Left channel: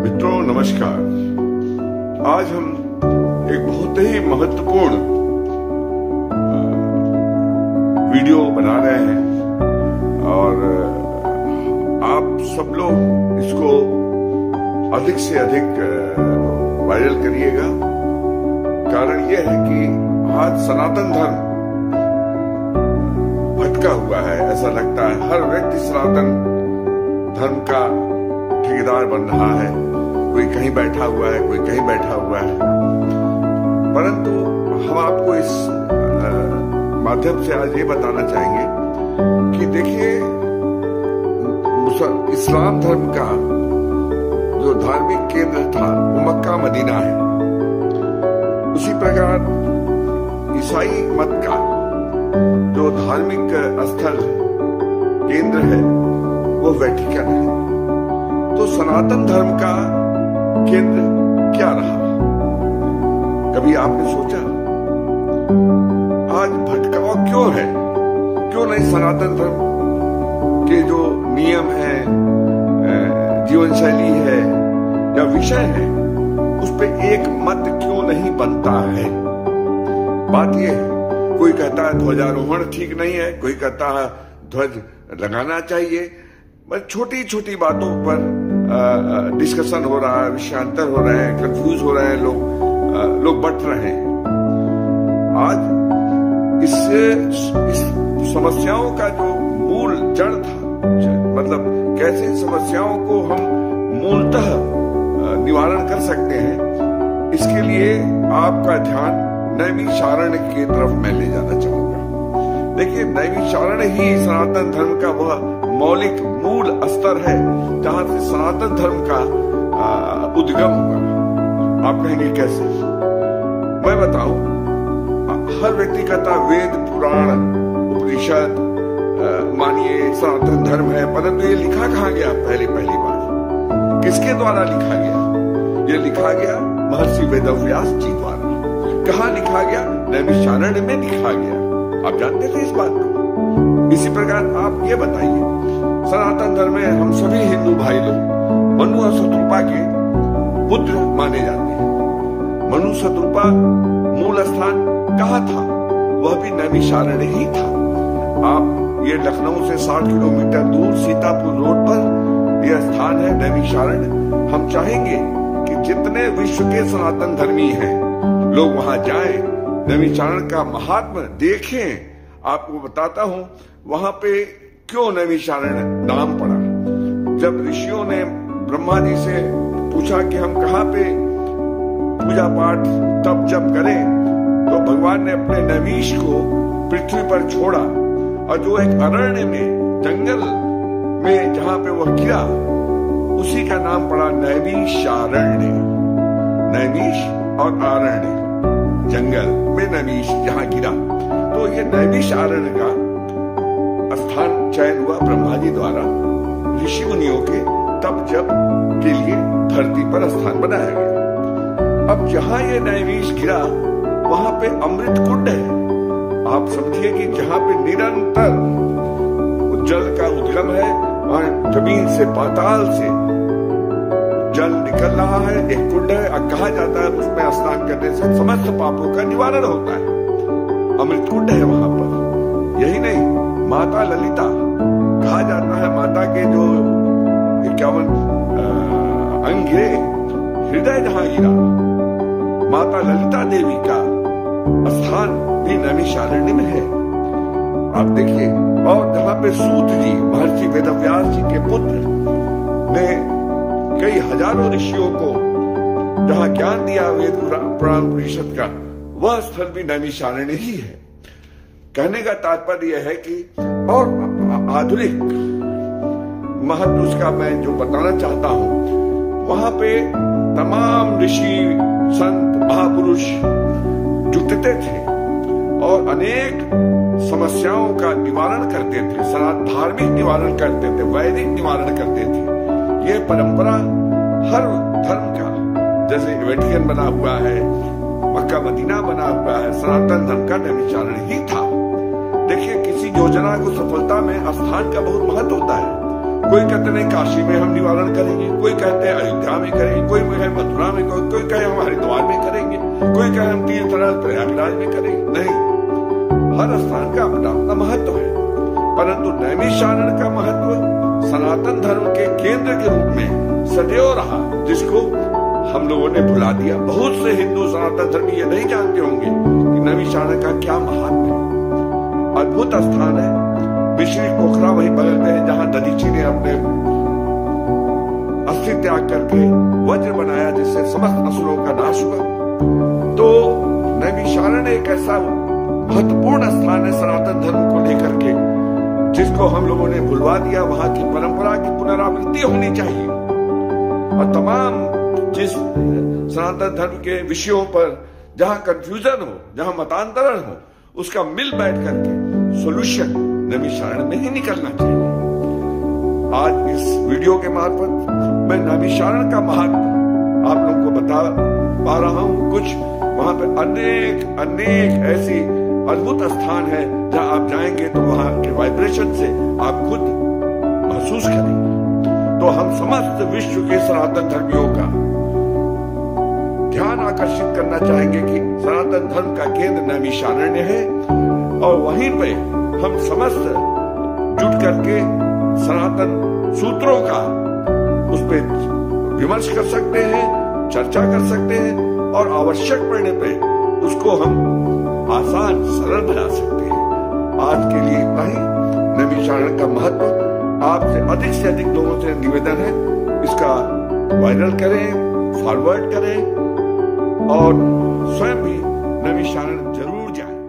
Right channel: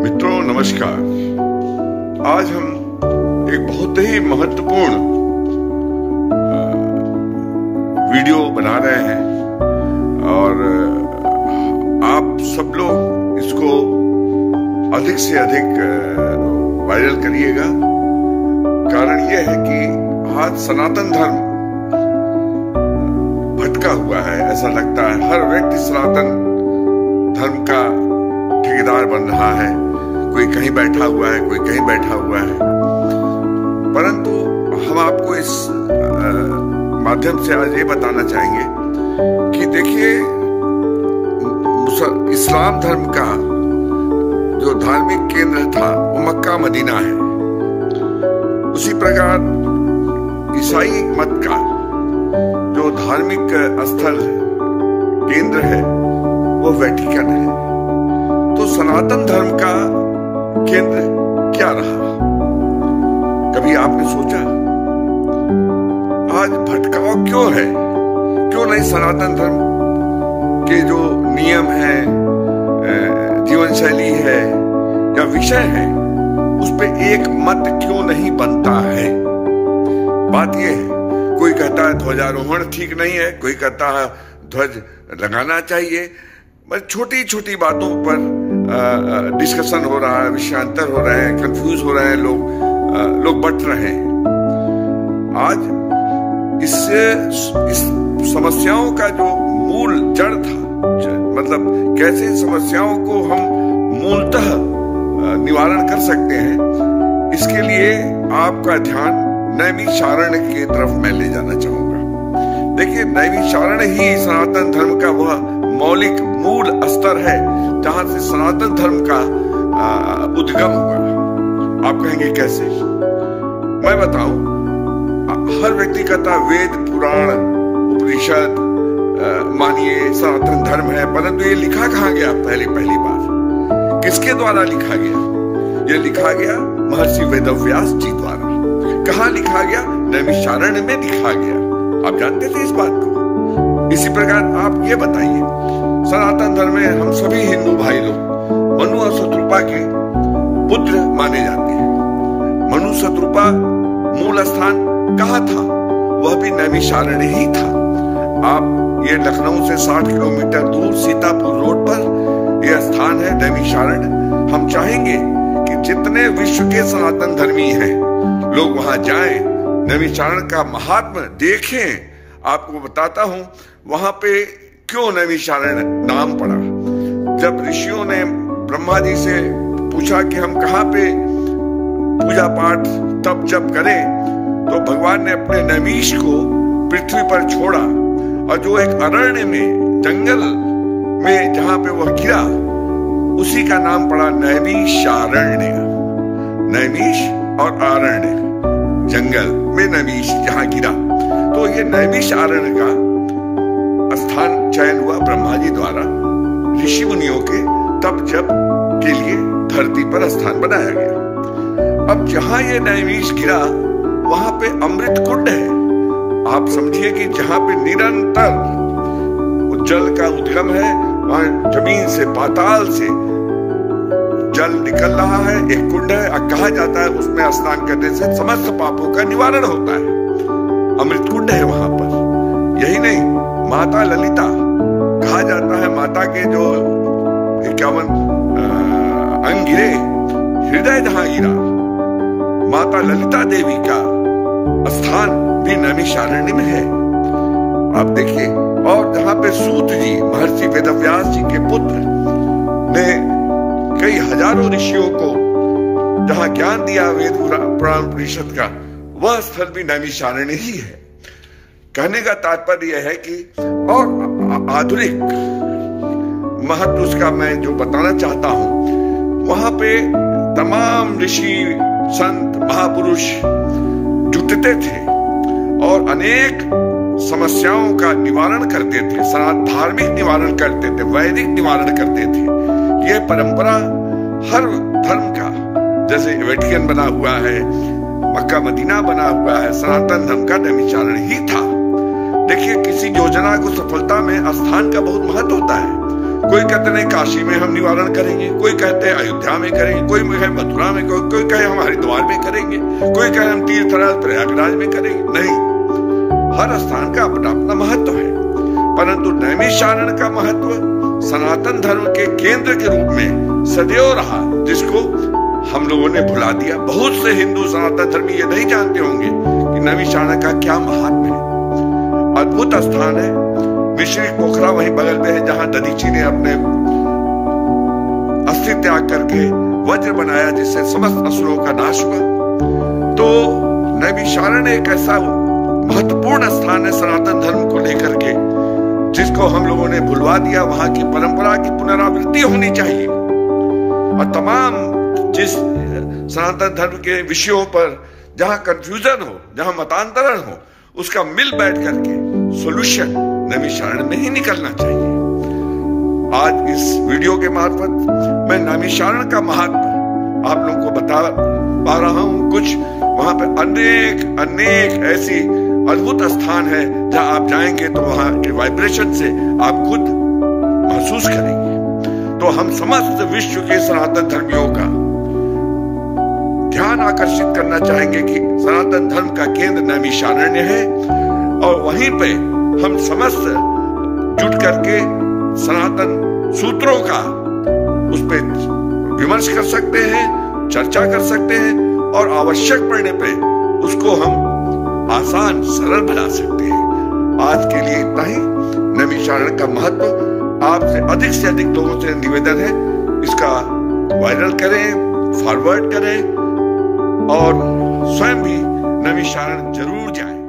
मित्रों नमस्कार। आज हम एक बहुत ही महत्वपूर्ण वीडियो बना रहे हैं और आप सब लोग इसको अधिक से अधिक वायरल करिएगा। कारण यह है कि आज सनातन धर्म भटका हुआ है। ऐसा लगता है हर व्यक्ति सनातन धर्म का ठेकेदार बन रहा है। कोई कहीं बैठा हुआ है, कोई कहीं बैठा हुआ है। परंतु हम आपको इस माध्यम से आज ये बताना चाहेंगे कि देखिए, इस्लाम धर्म का जो धार्मिक केंद्र था वो मक्का मदीना है। उसी प्रकार ईसाई मत का जो धार्मिक स्थल केंद्र है वो वेटिकन है। तो सनातन धर्म का केंद्र क्या रहा? कभी आपने सोचा आज भटकाव क्यों है? क्यों नहीं सनातन धर्म के जो नियम है, जीवन शैली है या विषय है, उस पे एक मत क्यों नहीं बनता है? बात यह है, कोई कहता है ध्वजारोहण ठीक नहीं है, कोई कहता है ध्वज लगाना चाहिए। बस छोटी छोटी बातों पर डिस्कशन हो रहा है, विषयांतर हो रहे हैं, कंफ्यूज हो रहे हैं लोग बट रहे हैं। आज इस समस्याओं का जो मूल जड़ था, मतलब कैसे समस्याओं को हम मूलतः निवारण कर सकते हैं, इसके लिए आपका ध्यान नैमिषारण्य की तरफ मैं ले जाना चाहूंगा। देखिए, नैमिषारण्य ही सनातन धर्म का वह मौलिक मूल स्तर है जहां से सनातन धर्म का उद्गम हुआ। आप कहेंगे कैसे? मैं बताऊं, हर व्यक्ति कहता वेद पुराण उपनिषद मानिए सनातन धर्म है, परंतु ये लिखा कहाँ गया? पहली बार किसके द्वारा लिखा गया? ये लिखा गया महर्षि वेदव्यास जी द्वारा। कहाँ लिखा गया? नैमिषारण्य में लिखा गया। आप जानते थे इस बात को? इसी प्रकार आप ये बताइए, सनातन धर्म में हम सभी हिंदू भाई लोग मनु और शत्रुपा के पुत्र माने जाते हैं। मनु शत्रुपा मूल स्थान कहाँ था? वह भी नैमिषारण्य ही था। आप ये लखनऊ से 60 किलोमीटर दूर सीतापुर रोड पर यह स्थान है नैमिषारण्य। हम चाहेंगे कि जितने विश्व के सनातन धर्मी हैं लोग वहां जाएं, नैमिषारण्य का महात्म्य देखें। आपको बताता हूं वहां पे क्यों नैमिषारण्य नाम पड़ा। जब ऋषियों ने ब्रह्मा जी से पूछा कि हम कहाँ पे पूजा पाठ तप जप करें, तो भगवान ने अपने नैमिष को पृथ्वी पर छोड़ा और जो एक अरण्य में, जंगल में जहां पे वह गिरा, उसी का नाम पड़ा नैमिषारण्य। नैमिष और आरण्य, जंगल में नैमिष जहां गिरा, तो ये नैमिषारण्य का स्थान चयन हुआ ब्रह्मा जी द्वारा। ऋषि मुनियों के तप जप के लिए धरती पर स्थान बनाया गया। अब जहां ये नैमिष गिरा वहां पे अमृत कुंड है। आप समझिए कि जहां पे निरंतर जल का उद्गम है, वहां जमीन से, पाताल से जल निकल रहा है, एक कुंड है। कहा जाता है उसमें स्नान करने से समस्त पापों का निवारण होता है। अमृत कुंड है वहां पर। यही नहीं, माता ललिता, कहा जाता है माता के जो 51 अंग गिरे, हृदय जहां गिरा, माता ललिता देवी का स्थान भी नैमिषारण्य में है। आप देखिए, और जहां पे सूत जी, महर्षि वेदव्यास जी के पुत्र ने कई हजारों ऋषियों को जहां ज्ञान दिया वेद पुराण उपनिषद का, वह स्थल भी नैमिषारण्य ही है। कहने का तात्पर्य यह है कि और आधुनिक महत्व उसका मैं जो बताना चाहता हूं, वहां पे तमाम ऋषि संत महापुरुष जुटते थे और अनेक समस्याओं का निवारण करते थे। धार्मिक निवारण करते थे, वैदिक निवारण करते थे। यह परंपरा हर धर्म का, जैसे वेटिकन बना हुआ है, मक्का मदीना बना हुआ है, सनातन धर्म का नैमिषारण्य ही था। देखिए, किसी योजना को सफलता में स्थान का बहुत महत्व होता है। कोई कहते हैं काशी में हम निवारण करेंगे, कोई कहते हैं अयोध्या में करेंगे, कोई कहे मथुरा में, कोई कहे हम हरिद्वार में करेंगे, कोई कहे हम तीर्थराज प्रयागराज में करेंगे। नहीं, हर स्थान का अपना अपना महत्व है, परंतु नैमिषारण्य का महत्व सनातन धर्म के केंद्र के रूप में सदैव रहा, जिसको हम लोगों ने भुला दिया। बहुत से हिंदू सनातन धर्मी ये नहीं जानते होंगे कि नैमिषारण्य का क्या महात्म्य है। अद्भुत स्थान है। मिश्री पोखरा वहीं बगल में है, जहां दधीची ने अपने अस्थि त्याग करके वज्र बनाया, जिससे समस्त असुरों का नाश हुआ। तो नैमिषारण्य एक ऐसा महत्वपूर्ण स्थान है सनातन धर्म को लेकर के, जिसको हम लोगों ने भुलवा दिया। वहां की परंपरा की पुनरावृत्ति होनी चाहिए, और तमाम जिस सनातन धर्म के विषयों पर जहां कंफ्यूजन हो, जहां मतांतरण हो, उसका मिल बैठ करके सॉल्यूशन नैमिषारण्य में ही निकलना चाहिए। आज इस वीडियो के मार्फत मैं नैमिषारण्य का महत्व आप लोगों को बता पा रहा हूं। कुछ वहां पे अनेक ऐसी अद्भुत स्थान है जहां आप जाएंगे तो वहां के वाइब्रेशन से आप खुद महसूस करेंगे। तो हम समस्त विश्व के सनातन धर्मियों का ध्यान आकर्षित करना चाहेंगे कि सनातन धर्म का केंद्र नैमिषारण्य है, और वहीं पे हम समस्त जुट करके सनातन सूत्रों का उस पे विमर्श कर सकते हैं, चर्चा कर सकते हैं, और आवश्यक पड़ने पे उसको हम आसान सरल बना सकते हैं। आज के लिए इतना ही। नैमिषारण्य का महत्व आपसे से अधिक लोगों से निवेदन है, इसका वायरल करें, फॉरवर्ड करें, और स्वयं भी नैमिषारण्य जरूर जाएं।